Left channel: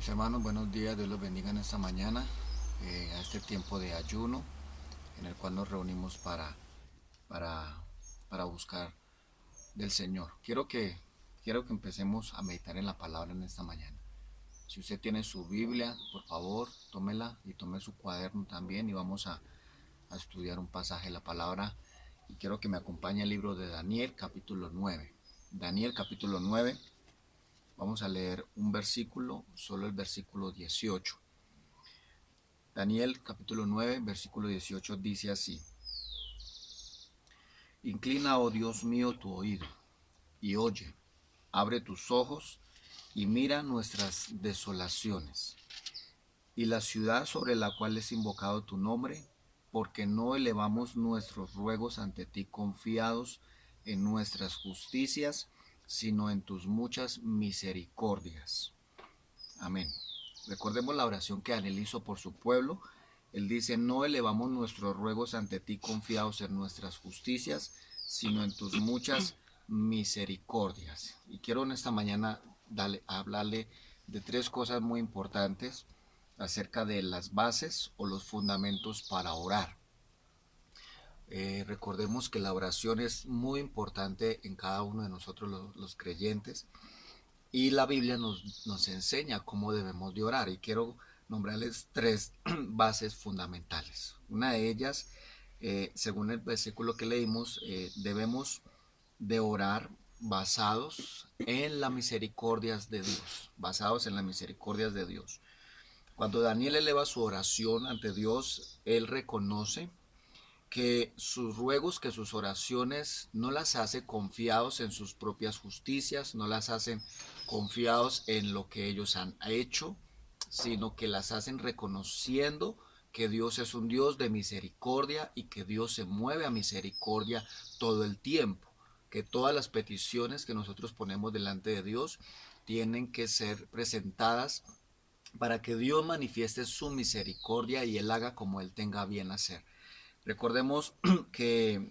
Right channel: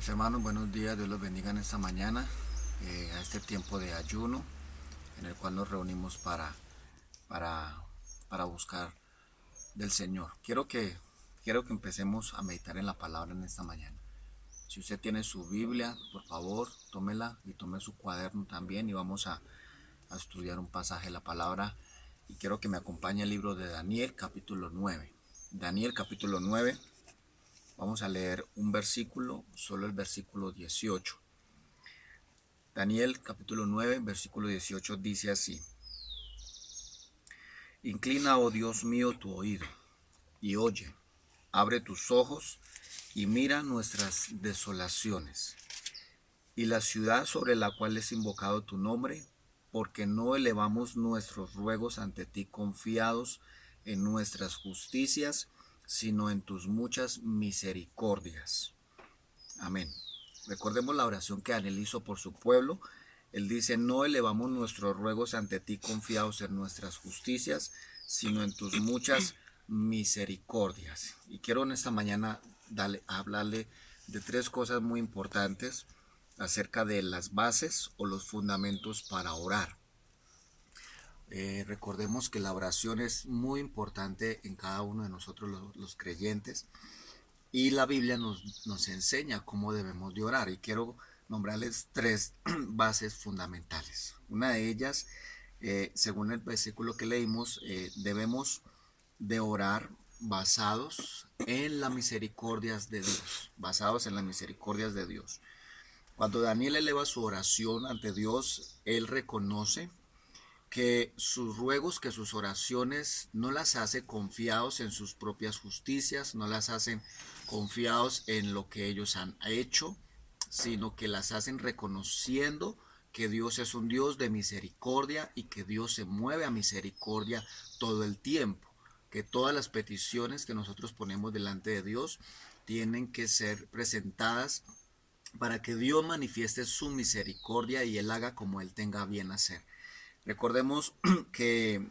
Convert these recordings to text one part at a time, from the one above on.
Mis hermanos, buenos días, Dios los bendiga en esta mañana, a este tiempo de ayuno en el cual nos reunimos para, para buscar del Señor. Quiero que empecemos a meditar en la palabra en esta mañana. Si usted tiene su Biblia, por favor, tómela y tome su cuaderno también y vamos a estudiar un pasaje de la palabra. Y quiero que me acompañe el libro de Daniel, capítulo 9. Daniel, capítulo 9. Vamos a leer un versículo, solo el versículo 18. Daniel capítulo 9, versículo 18 dice así: Inclina, oh Dios mío, tu oído, y oye, abre tus ojos, y mira nuestras desolaciones, y la ciudad sobre la cual es invocado tu nombre, porque no elevamos nuestros ruegos ante ti confiados en nuestras justicias, sino en tus muchas misericordias. Amén. Recordemos la oración que Daniel hizo por su pueblo. Él dice: no elevamos nuestros ruegos ante ti confiados en nuestras justicias, sino en tus muchas misericordias. Y quiero en esta mañana hablarle de tres cosas muy importantes acerca de las bases o los fundamentos para orar. Recordemos que la oración es muy importante en cada uno de nosotros los creyentes. Y la Biblia nos enseña cómo debemos de orar. Y quiero nombrarles tres bases fundamentales. Una de ellas, según el versículo que leímos, debemos de orar basados en las misericordias de Dios. Basados en las misericordias de Dios. Cuando Daniel eleva su oración ante Dios, él reconoce que sus ruegos, que sus oraciones no las hace confiados en sus propias justicias, no las hacen confiados en lo que ellos han hecho, sino que las hacen reconociendo que Dios es un Dios de misericordia y que Dios se mueve a misericordia todo el tiempo, que todas las peticiones que nosotros ponemos delante de Dios tienen que ser presentadas para que Dios manifieste su misericordia y Él haga como Él tenga bien hacer. Recordemos que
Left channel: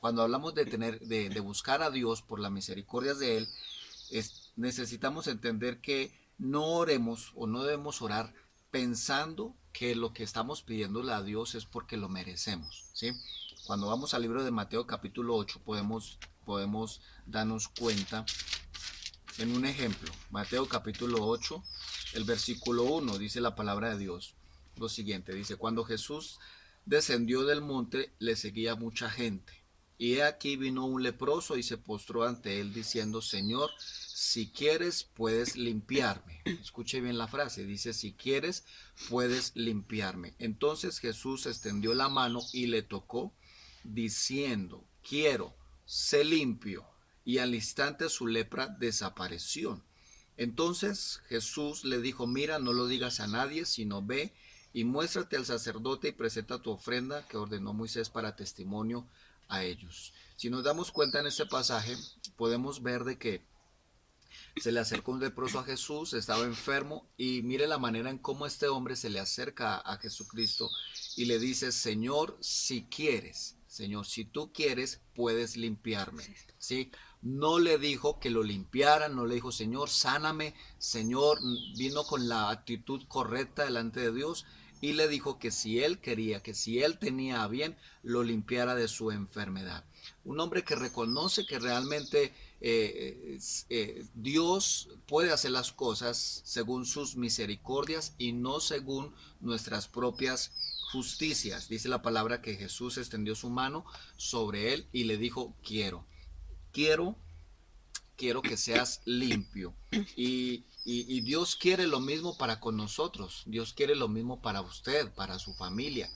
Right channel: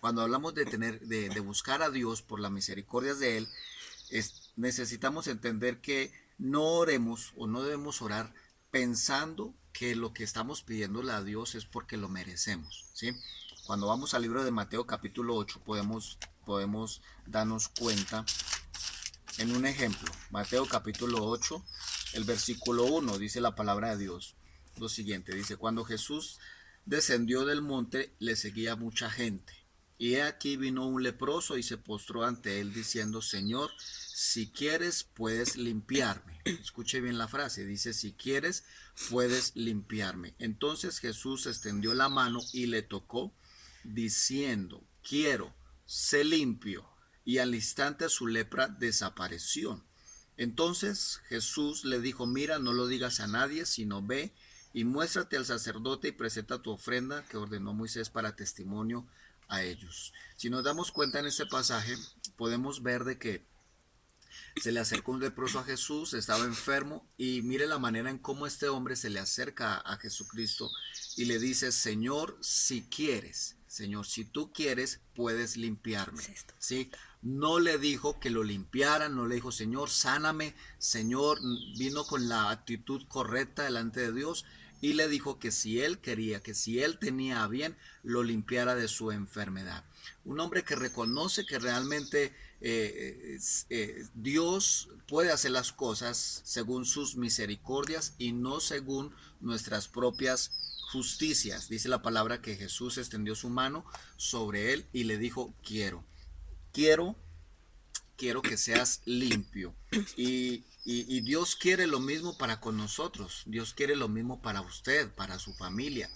cuando hablamos de buscar a Dios por las misericordias de Él, necesitamos entender que no oremos o no debemos orar pensando que lo que estamos pidiéndole a Dios es porque lo merecemos, ¿sí? Cuando vamos al libro de Mateo capítulo 8 podemos darnos cuenta en un ejemplo. Mateo capítulo 8, el versículo 1, dice la palabra de Dios lo siguiente, dice: cuando Jesús descendió del monte, le seguía mucha gente. Y he aquí vino un leproso y se postró ante él diciendo: Señor, si quieres puedes limpiarme. Escuche bien la frase, dice: si quieres puedes limpiarme. Entonces Jesús extendió la mano y le tocó diciendo: quiero, sé limpio. Y al instante su lepra desapareció. Entonces Jesús le dijo: mira, no lo digas a nadie, sino ve y muéstrate al sacerdote y presenta tu ofrenda que ordenó Moisés para testimonio a ellos. Si nos damos cuenta en este pasaje, podemos ver de que se le acercó un leproso a Jesús, estaba enfermo, y mire la manera en cómo este hombre se le acerca a Jesucristo y le dice: Señor, si quieres, Señor, si tú quieres, puedes limpiarme. ¿Sí? No le dijo que lo limpiara, no le dijo: Señor, sáname, Señor. Vino con la actitud correcta delante de Dios y le dijo que si él quería, que si él tenía a bien, lo limpiara de su enfermedad. Un hombre que reconoce que realmente Dios puede hacer las cosas según sus misericordias y no según nuestras propias justicias. Dice la palabra que Jesús extendió su mano sobre él y le dijo: quiero, quiero que seas limpio. Y Dios quiere lo mismo para con nosotros. Dios quiere lo mismo para usted, para su familia.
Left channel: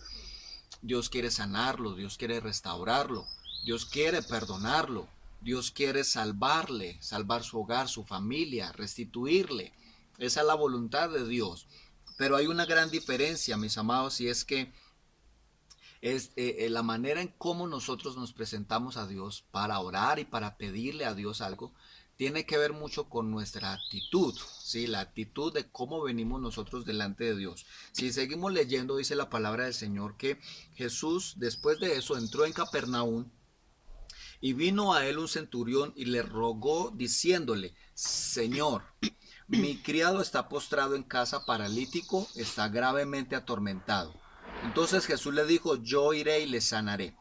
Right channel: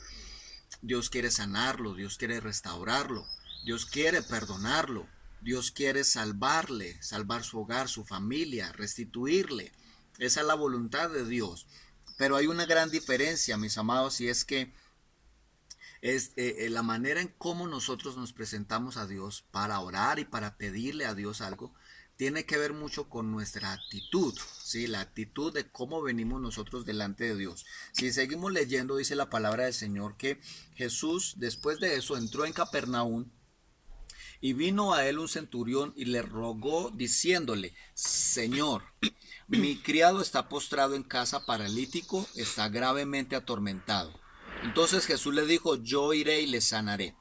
Dios quiere sanarlo, Dios quiere restaurarlo, Dios quiere perdonarlo, Dios quiere salvarle, salvar su hogar, su familia, restituirle. Esa es la voluntad de Dios. Pero hay una gran diferencia, mis amados, y es que es la manera en cómo nosotros nos presentamos a Dios para orar y para pedirle a Dios algo tiene que ver mucho con nuestra actitud, ¿sí? La actitud de cómo venimos nosotros delante de Dios. Si seguimos leyendo, dice la palabra del Señor que Jesús después de eso entró en Capernaum y vino a él un centurión y le rogó diciéndole: Señor, mi criado está postrado en casa paralítico, está gravemente atormentado. Entonces Jesús le dijo, yo iré y le sanaré.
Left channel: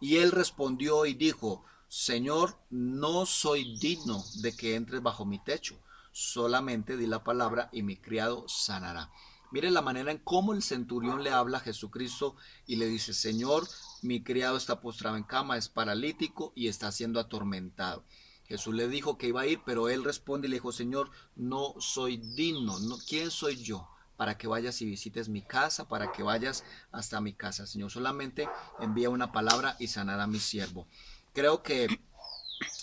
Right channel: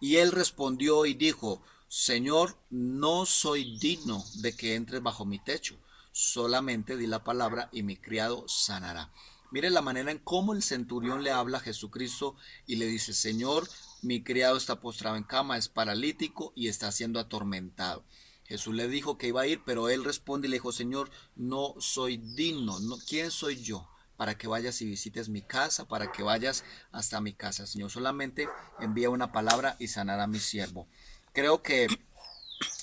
Y él respondió y dijo, Señor, no soy digno de que entres bajo mi techo, solamente di la palabra y mi criado sanará. Mire la manera en cómo el centurión le habla a Jesucristo y le dice, Señor, mi criado está postrado en cama, es paralítico y está siendo atormentado. Jesús le dijo que iba a ir, pero él responde y le dijo, Señor, no soy digno, no, ¿quién soy yo? Para que vayas y visites mi casa, para que vayas hasta mi casa. Señor, solamente envía una palabra y sanará a mi siervo. Creo que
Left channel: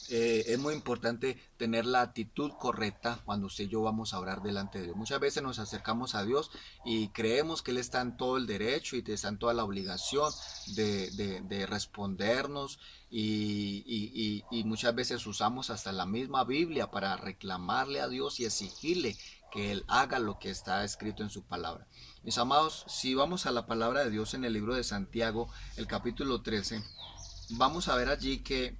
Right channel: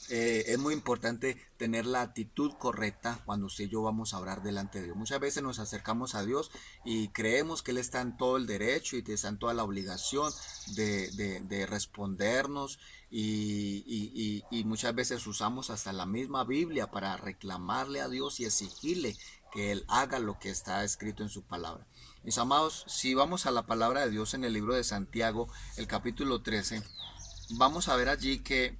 es muy importante tener la actitud correcta cuando usted y yo vamos a orar delante de Dios. Muchas veces nos acercamos a Dios y creemos que Él está en todo el derecho y está en toda la obligación de respondernos y muchas veces usamos hasta la misma Biblia para reclamarle a Dios y exigirle que Él haga lo que está escrito en su palabra. Mis amados, si vamos a la palabra de Dios en el libro de Santiago, el capítulo 13, vamos a ver allí que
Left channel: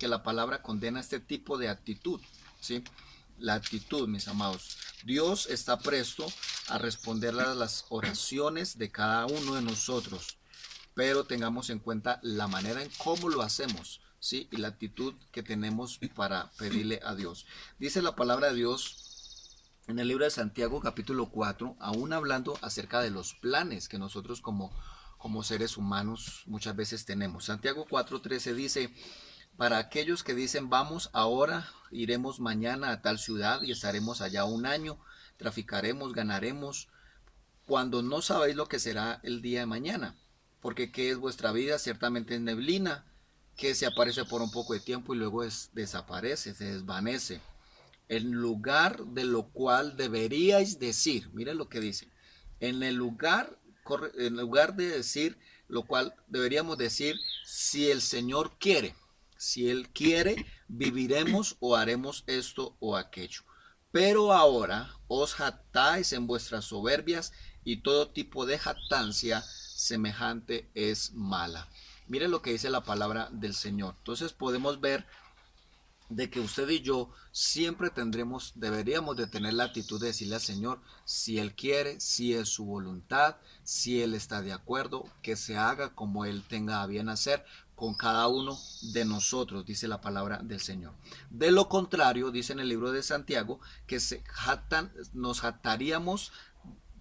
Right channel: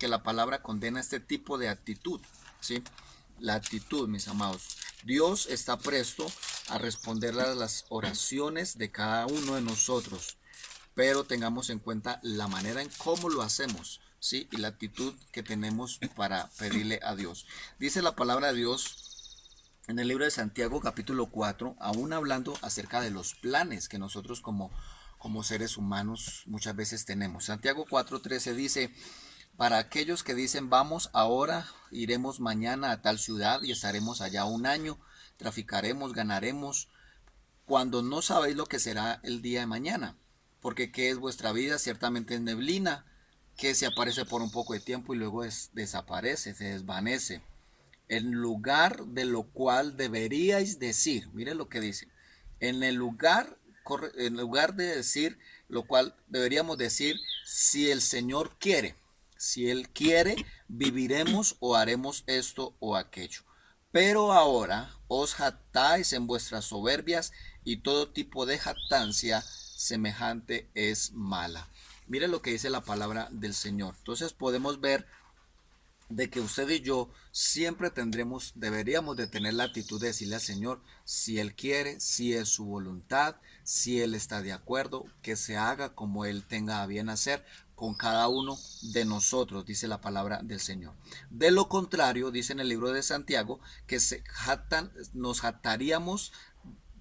la palabra condena este tipo de actitud, ¿sí? La actitud, mis amados. Dios está presto a responder a las oraciones de cada uno de nosotros, pero tengamos en cuenta la manera en cómo lo hacemos, ¿sí? Y la actitud que tenemos para pedirle a Dios. Dice la palabra de Dios en el libro de Santiago capítulo 4, aún hablando acerca de los planes que nosotros como seres humanos muchas veces tenemos. Santiago 4:13 dice, para aquellos que dicen vamos ahora, iremos mañana a tal ciudad y estaremos allá un año, traficaremos, ganaremos, cuando no sabéis lo que será el día de mañana, porque qué es vuestra vida, ciertamente es neblina, que se aparece por un poco de tiempo y luego desaparece, se desvanece. En lugar de lo cual deberíais decir, miren lo que dice, en lugar de decir lo cual deberíamos decir, si el Señor quiere, si Él quiere, viviremos o haremos esto o aquello. Pero ahora os jactáis en vuestras soberbias y todo tipo de jactancia semejante es mala. Miren lo que dice la palabra del Señor. Entonces podemos ver de que usted y yo siempre deberíamos de tener la actitud de decirle al Señor, si Él quiere, si es su voluntad, si Él está de acuerdo, que se haga como Él tenga a bien hacer con cada uno de nosotros, dice la palabra del Señor. De lo contrario, dice en el libro de Santiago, que nos jactaríamos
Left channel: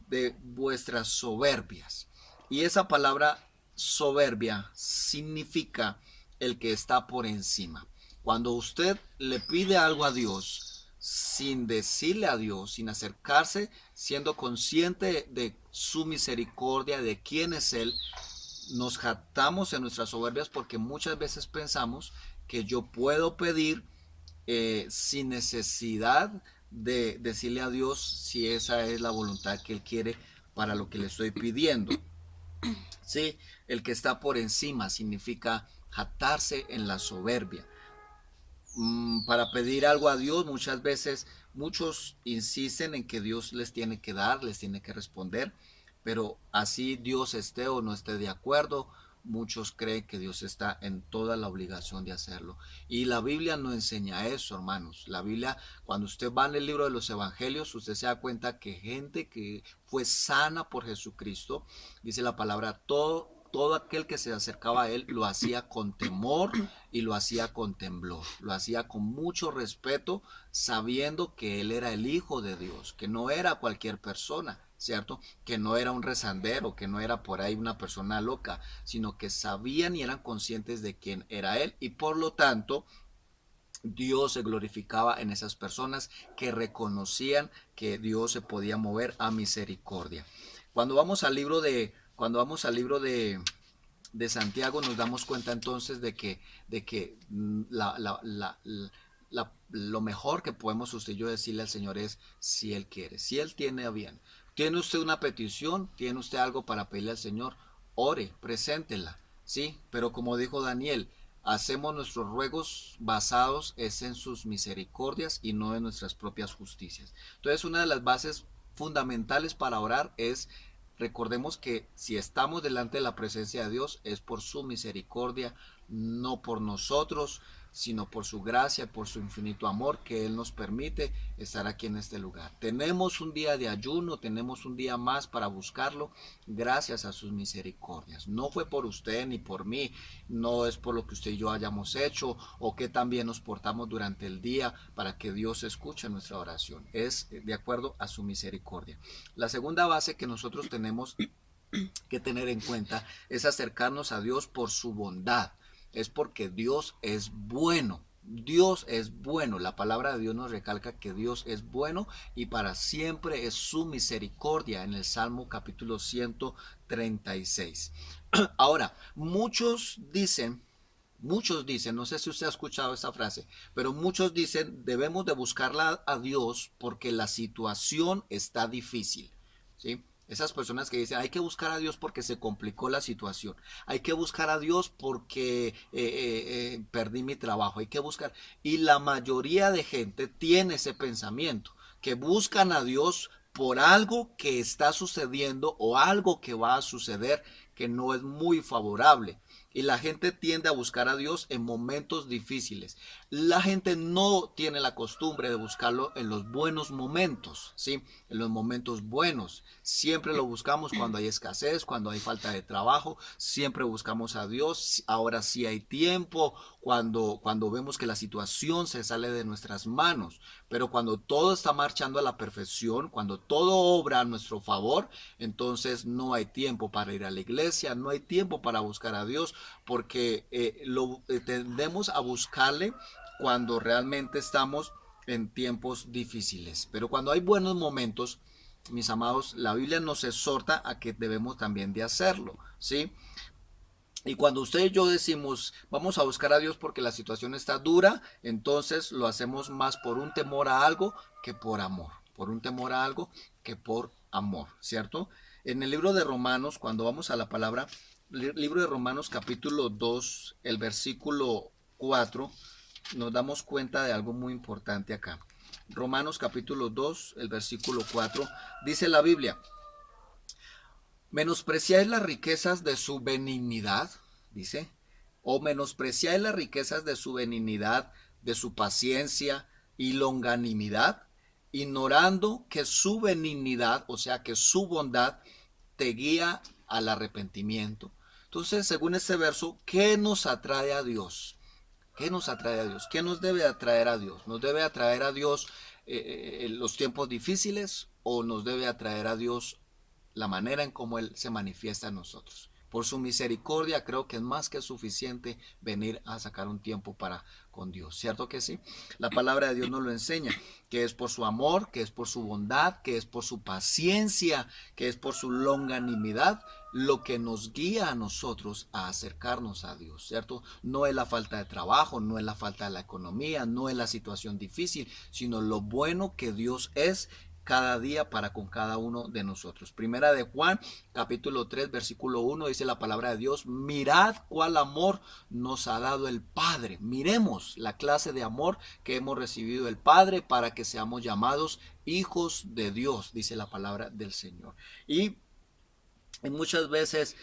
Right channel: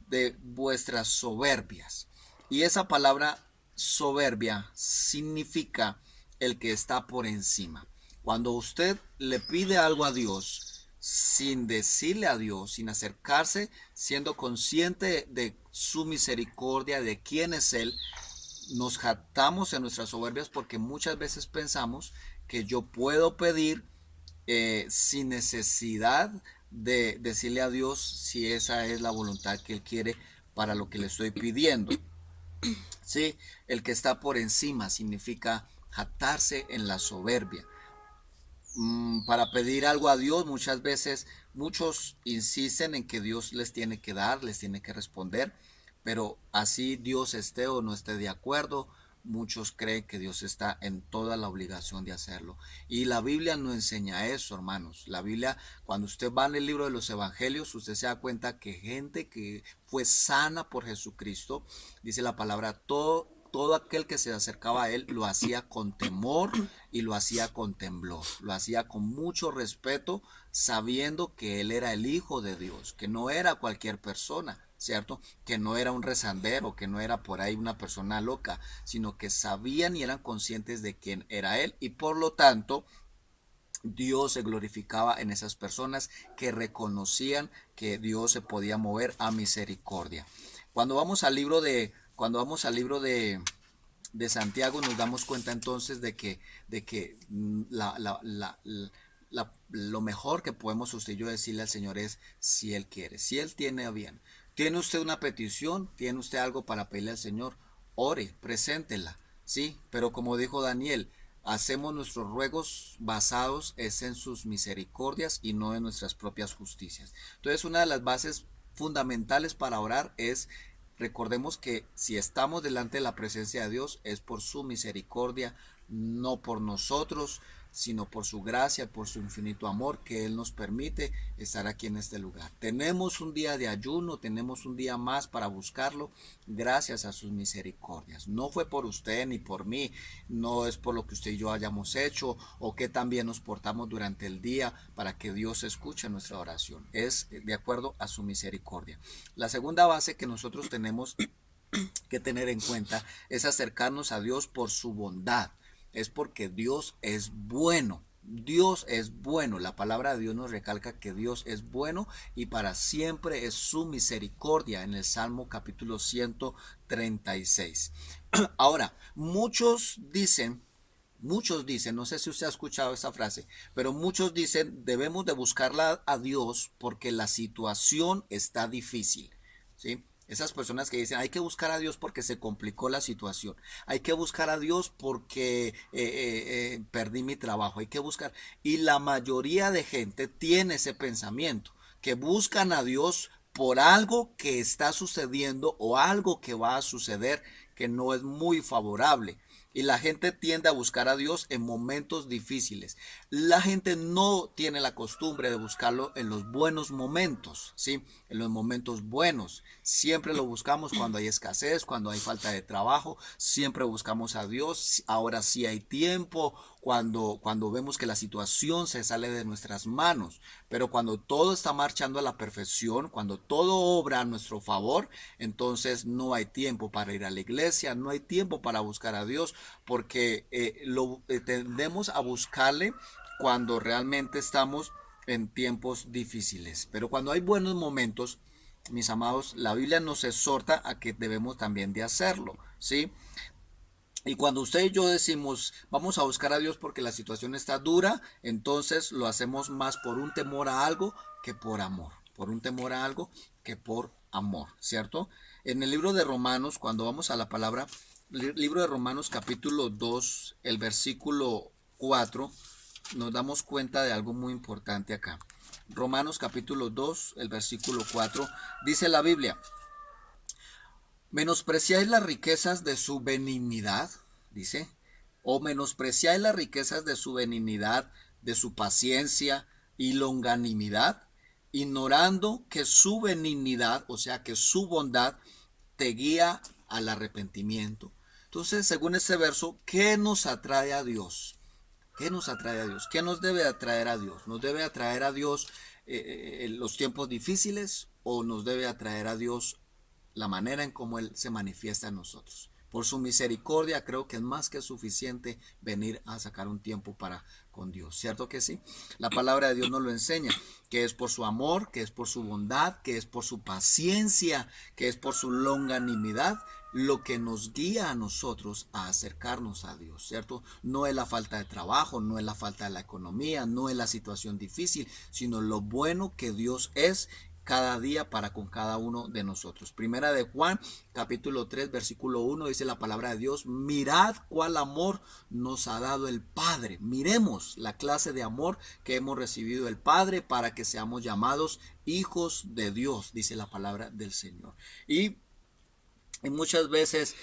de vuestras soberbias. Y esa palabra soberbia significa el que está por encima. Cuando usted le pide algo a Dios sin decirle a Dios, sin acercarse, siendo consciente de su misericordia, de quién es Él, nos jactamos en nuestras soberbias porque muchas veces pensamos que yo puedo pedir sin necesidad de decirle a Dios si esa es la voluntad que Él quiere para lo que le estoy pidiendo. Sí, el que está por encima significa jactarse en la soberbia. Para pedir algo a Dios, muchas veces muchos insisten en que Dios les tiene que dar, les tiene que responder, pero así Dios esté o no esté de acuerdo, muchos creen que Dios está en toda la obligación de hacerlo. Y la Biblia no enseña eso, hermanos. La Biblia, cuando usted va en el libro de los Evangelios, usted se da cuenta que gente que fue sana por Jesucristo, dice la palabra, todo aquel que se acercaba a él lo hacía con temor y lo hacía con temblor, lo hacía con mucho respeto, sabiendo que él era el Hijo de Dios, que no era cualquier persona, ¿cierto? Que no era un rezandero, que no era por ahí una persona loca, sino que sabían y eran conscientes de quién era él y por lo tanto Dios se glorificaba en esas personas que reconocían que Dios se podía mover a misericordia. Cuando vamos al libro de Santiago nos damos cuenta entonces de que lo mejor que podemos usted y yo decirle al Señor es si Él quiere, si Él tiene bien. ¿Tiene usted una petición? ¿Tiene usted algo para pedirle al Señor? Ore, preséntela, ¿sí? Pero como dijo Daniel, hacemos nuestros ruegos basados es en sus misericordias y no en nuestras propias justicias. Entonces, una de las bases fundamentales para orar es recordemos que si estamos delante de la presencia de Dios es por su misericordia, no por nosotros. sino por su gracia, por su infinito amor que Él nos permite estar aquí en este lugar. Tenemos un día de ayuno, tenemos un día más para buscarlo gracias a sus misericordias. No fue por usted ni por mí, no es por lo que usted y yo hayamos hecho o que también nos portamos durante el día para que Dios escuche nuestra oración. Es de acuerdo a su misericordia. La segunda base que nosotros tenemos que tener en cuenta es acercarnos a Dios por su bondad. Es porque Dios es bueno. Dios es bueno. La palabra de Dios nos recalca que Dios es bueno y para siempre es su misericordia en el Salmo capítulo 136. Ahora, muchos dicen, no sé si usted ha escuchado esa frase, pero muchos dicen debemos de buscarla a Dios porque la situación está difícil, ¿sí? Esas personas que dicen hay que buscar a Dios porque se complicó la situación, hay que buscar a Dios porque perdí mi trabajo, hay que buscar. Y la mayoría de gente tiene ese pensamiento, que buscan a Dios por algo que está sucediendo o algo que va a suceder que no es muy favorable. Y la gente tiende a buscar a Dios en momentos difíciles. La gente no tiene la costumbre de buscarlo en los buenos momentos, ¿sí? En los momentos buenos. Siempre lo buscamos cuando hay escasez, cuando hay falta de trabajo. Siempre buscamos a Dios. Ahora sí hay tiempo, cuando vemos que la situación se sale de nuestras manos. Pero cuando todo está marchando a la perfección, cuando todo obra a nuestro favor, entonces no hay tiempo para ir a la iglesia, no hay tiempo para buscar a Dios, porque tendemos a buscarle cuando realmente estamos en tiempos difíciles. Pero cuando hay buenos momentos, mis amados, la Biblia nos exhorta a que debemos también de hacerlo, ¿sí? Y cuando usted y yo decimos vamos a buscar a Dios porque la situación está dura, entonces lo hacemos más por un temor a algo que por amor. Por un temor a algo que por amor, ¿cierto? En el libro de Romanos, cuando vamos a la palabra, libro de Romanos capítulo 2, el versículo 4, nos damos cuenta de algo muy importante acá. Romanos capítulo 2, el versículo 4, dice la Biblia: menospreciáis las riquezas de su benignidad, dice, o menospreciáis las riquezas de su benignidad, de su paciencia y longanimidad, ignorando que su benignidad, o sea, que su bondad te guía al arrepentimiento. Entonces, según este verso, ¿qué nos atrae a Dios? ¿Qué nos atrae a Dios? ¿Qué nos debe atraer a Dios? ¿Nos debe atraer a Dios en los tiempos difíciles o nos debe atraer a Dios la manera en cómo Él se manifiesta en nosotros? Por su misericordia creo que es más que suficiente venir a sacar un tiempo para con Dios, ¿cierto que sí? La palabra de Dios nos lo enseña, que es por su amor, que es por su bondad, que es por su paciencia, que es por su longanimidad, lo que nos guía a nosotros a acercarnos a Dios, ¿cierto? No es la falta de trabajo, no es la falta de la economía, no es la situación difícil, sino lo bueno que Dios es cada día para con cada uno de nosotros. Primera de Juan, capítulo 3, versículo 1, dice la palabra de Dios: mirad cuál amor nos ha dado el Padre. Miremos la clase de amor que hemos recibido del Padre para que seamos llamados hijos de Dios, dice la palabra del Señor. Y muchas veces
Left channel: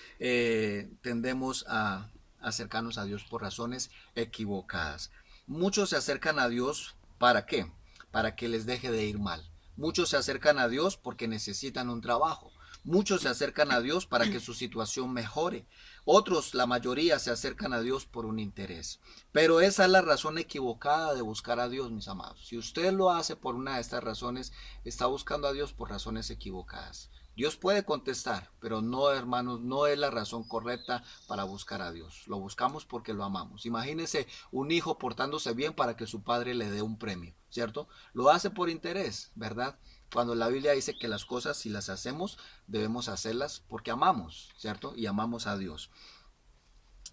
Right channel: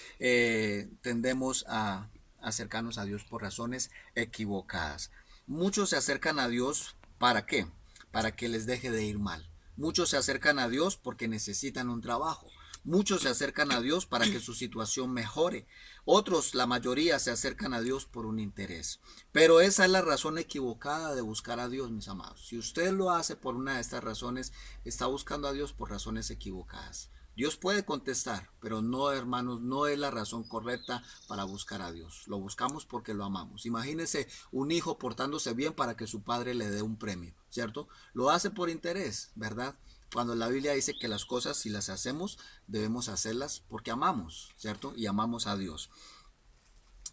tendemos a acercarnos a Dios por razones equivocadas. Muchos se acercan a Dios ¿para qué? Para que les deje de ir mal. Muchos se acercan a Dios porque necesitan un trabajo. Muchos se acercan a Dios para que su situación mejore. Otros, la mayoría, se acercan a Dios por un interés. Pero esa es la razón equivocada de buscar a Dios, mis amados. Si usted lo hace por una de estas razones, está buscando a Dios por razones equivocadas. Dios puede contestar, pero no, hermanos, no es la razón correcta para buscar a Dios. Lo buscamos porque lo amamos. Imagínese un hijo portándose bien para que su padre le dé un premio, ¿cierto? Lo hace por interés, ¿verdad? Cuando la Biblia dice que las cosas, si las hacemos, debemos hacerlas porque amamos, ¿cierto? Y amamos a Dios.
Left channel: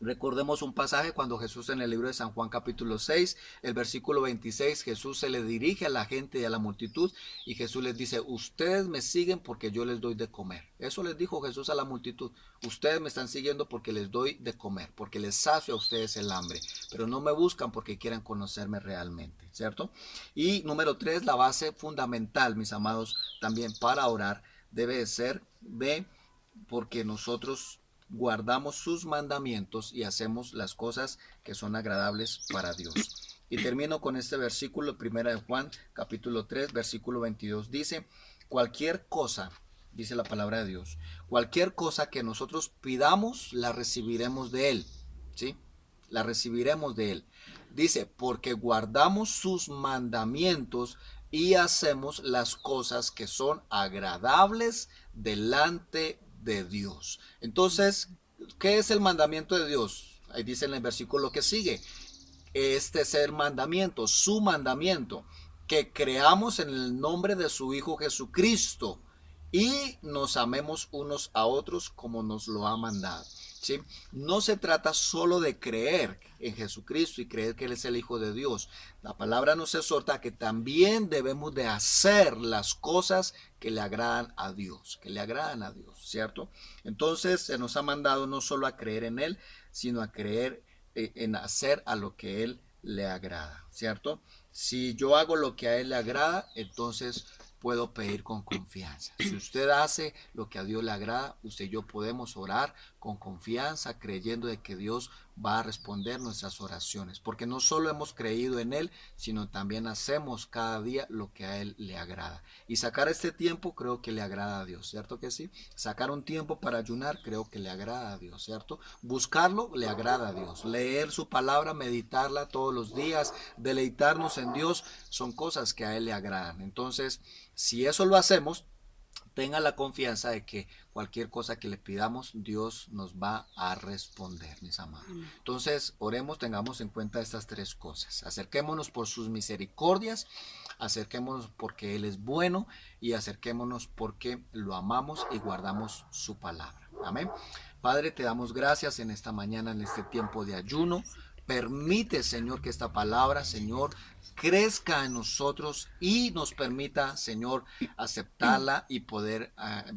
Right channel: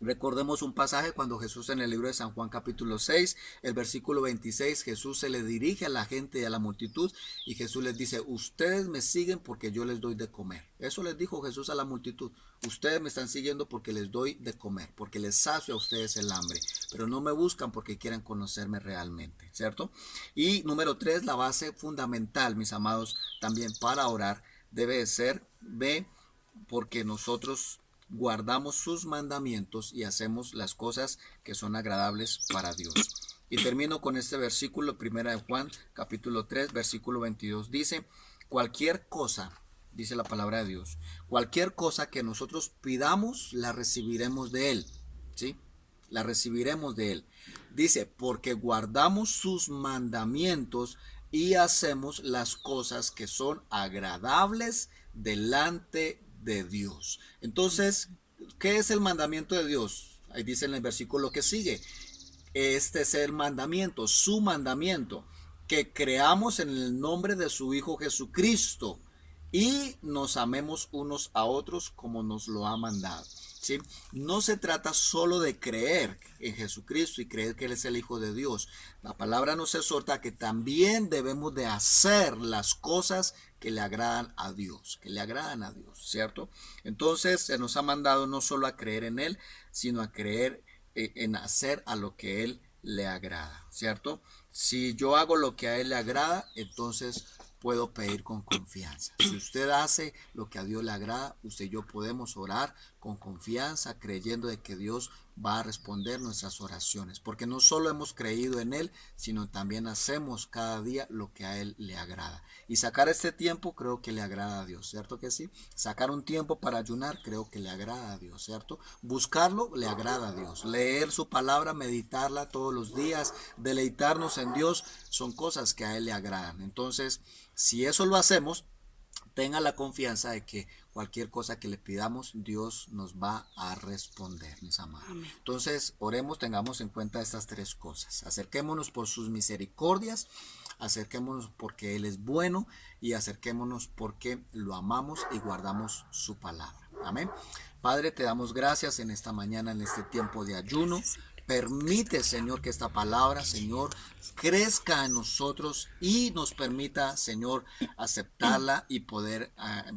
Recordemos un pasaje cuando Jesús, en el libro de San Juan capítulo 6, el versículo 26, Jesús se le dirige a la gente y a la multitud y Jesús les dice: ustedes me siguen porque yo les doy de comer. Eso les dijo Jesús a la multitud: ustedes me están siguiendo porque les doy de comer, porque les sacio a ustedes el hambre, pero no me buscan porque quieran conocerme realmente, ¿cierto? Y número 3, la base fundamental, mis amados, también para orar debe ser porque nosotros guardamos sus mandamientos y hacemos las cosas que son agradables para Dios. Y termino con este versículo, 1 de Juan, capítulo 3, versículo 22, dice, cualquier cosa, dice la palabra de Dios, cualquier cosa que nosotros pidamos, la recibiremos de Él, ¿sí? La recibiremos de Él. Dice, porque guardamos sus mandamientos y hacemos las cosas que son agradables delante de Dios. Entonces, ¿qué es el mandamiento de Dios? Ahí dice en el versículo que sigue. Este es el mandamiento, su mandamiento, que creamos en el nombre de su Hijo Jesucristo y nos amemos unos a otros como nos lo ha mandado. ¿Sí? No se trata solo de creer en Jesucristo y creer que Él es el Hijo de Dios. La palabra nos exhorta a que también debemos de hacer las cosas que le agradan a Dios, ¿cierto? Entonces se nos ha mandado no solo a creer en Él, sino a creer en hacer a lo que Él le agrada, ¿cierto? Si yo hago lo que a Él le agrada, entonces puedo pedir con confianza. Si usted hace lo que a Dios le agrada, usted y yo podemos orar con confianza, creyendo de que Dios va a responder nuestras oraciones, porque no solo hemos creído en Él, sino también hacemos cada día lo que a Él le agrada. Y sacar este tiempo creo que le agrada a Dios, ¿cierto que sí? Sacar un tiempo para ayunar creo que le agrada a Dios, ¿cierto? Buscarlo le agrada a Dios. Leer su palabra, meditarla todos los días, deleitarnos en Dios, son cosas que a Él le agradan. Entonces, si eso lo hacemos, tenga la confianza de que cualquier cosa que le pidamos, Dios nos va a responder, mis amados. Amén. Entonces, oremos, tengamos en cuenta estas tres cosas. Acerquémonos por sus misericordias, acerquémonos porque Él es bueno y acerquémonos porque lo amamos y guardamos su palabra. Amén. Padre, te damos gracias en esta mañana, en este tiempo de ayuno. Permite, Señor, que esta palabra, Señor, crezca en nosotros y nos permita, Señor, aceptarla y poder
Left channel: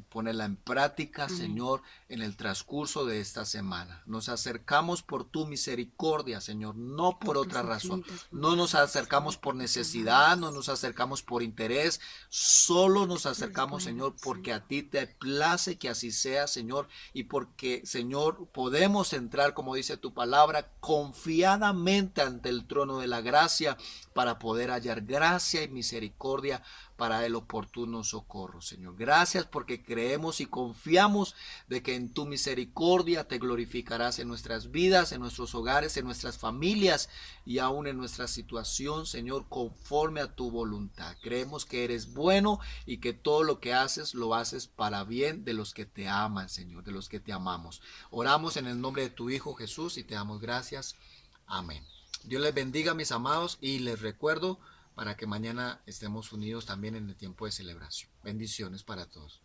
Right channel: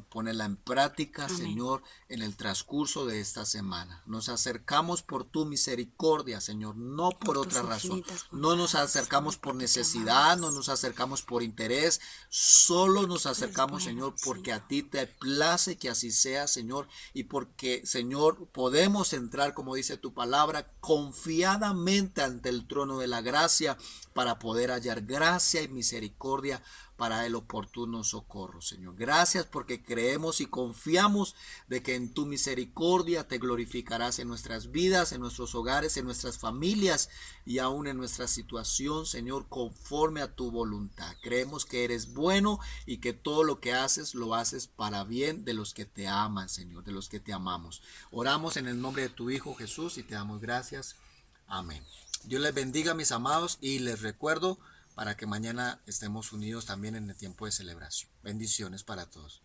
ponerla en práctica, amén, Señor, en el transcurso de esta semana. Nos acercamos por tu misericordia, Señor, no por otra razón. No nos acercamos por necesidad, no nos acercamos por interés, solo nos acercamos, Señor, porque a ti te place que así sea, Señor, y porque, Señor, podemos entrar, como dice tu palabra, confiadamente ante el trono de la gracia para poder hallar gracia y misericordia para el oportuno socorro, Señor. Gracias porque creemos y confiamos de que en tu misericordia te glorificarás en nuestras vidas, en nuestros hogares, en nuestras familias y aún en nuestra situación, Señor, conforme a tu voluntad. Creemos que eres bueno y que todo lo que haces lo haces para bien de los que te aman, Señor, de los que te amamos. Oramos en el nombre de tu Hijo Jesús y te damos gracias. Amén. Dios les bendiga, mis amados, y les recuerdo para que mañana estemos unidos también en el tiempo de celebración. Bendiciones para todos.